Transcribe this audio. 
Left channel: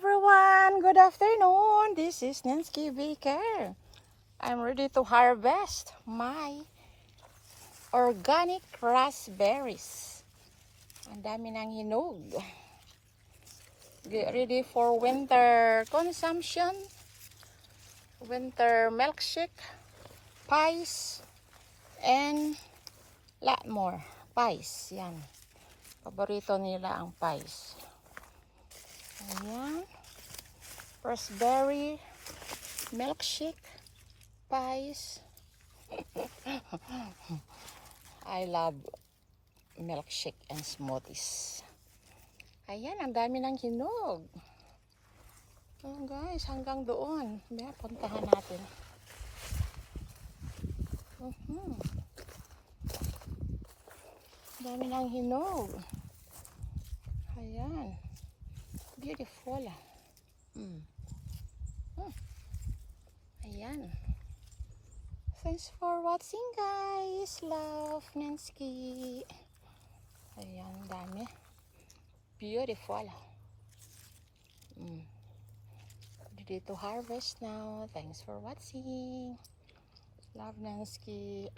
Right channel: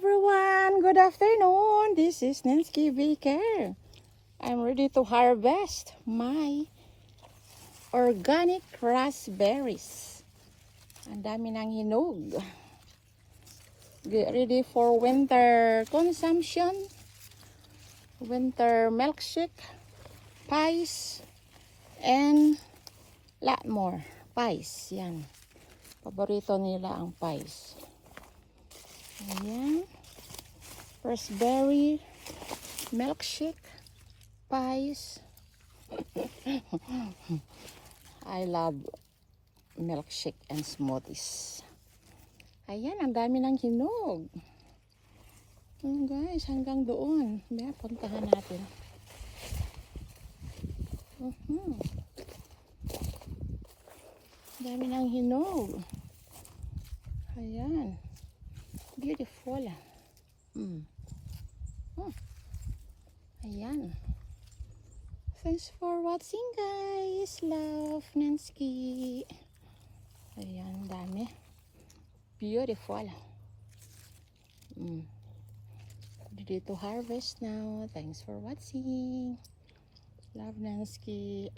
everyone, good afternoon. This is Nancy Baker. I'm ready to harvest my organic raspberries. Ang dami ng hinog. Get ready for winter consumption. Winter milkshake, pies, and lot more pies. Yan. Paborito nila ang pies. Ayan. Raspberry milkshake pies. I love milkshake and smoothies. Ayan, ang dami ng hinog. Guys, hanggang doon. May puntahan natin. Dami ng hinog. Ayan. Beautiful. Ayan. Thanks for watching, guys. Love, Nancy. Ayan, dami. Beautiful. Ready to harvest now. Thanks for watching. Love, Nancy.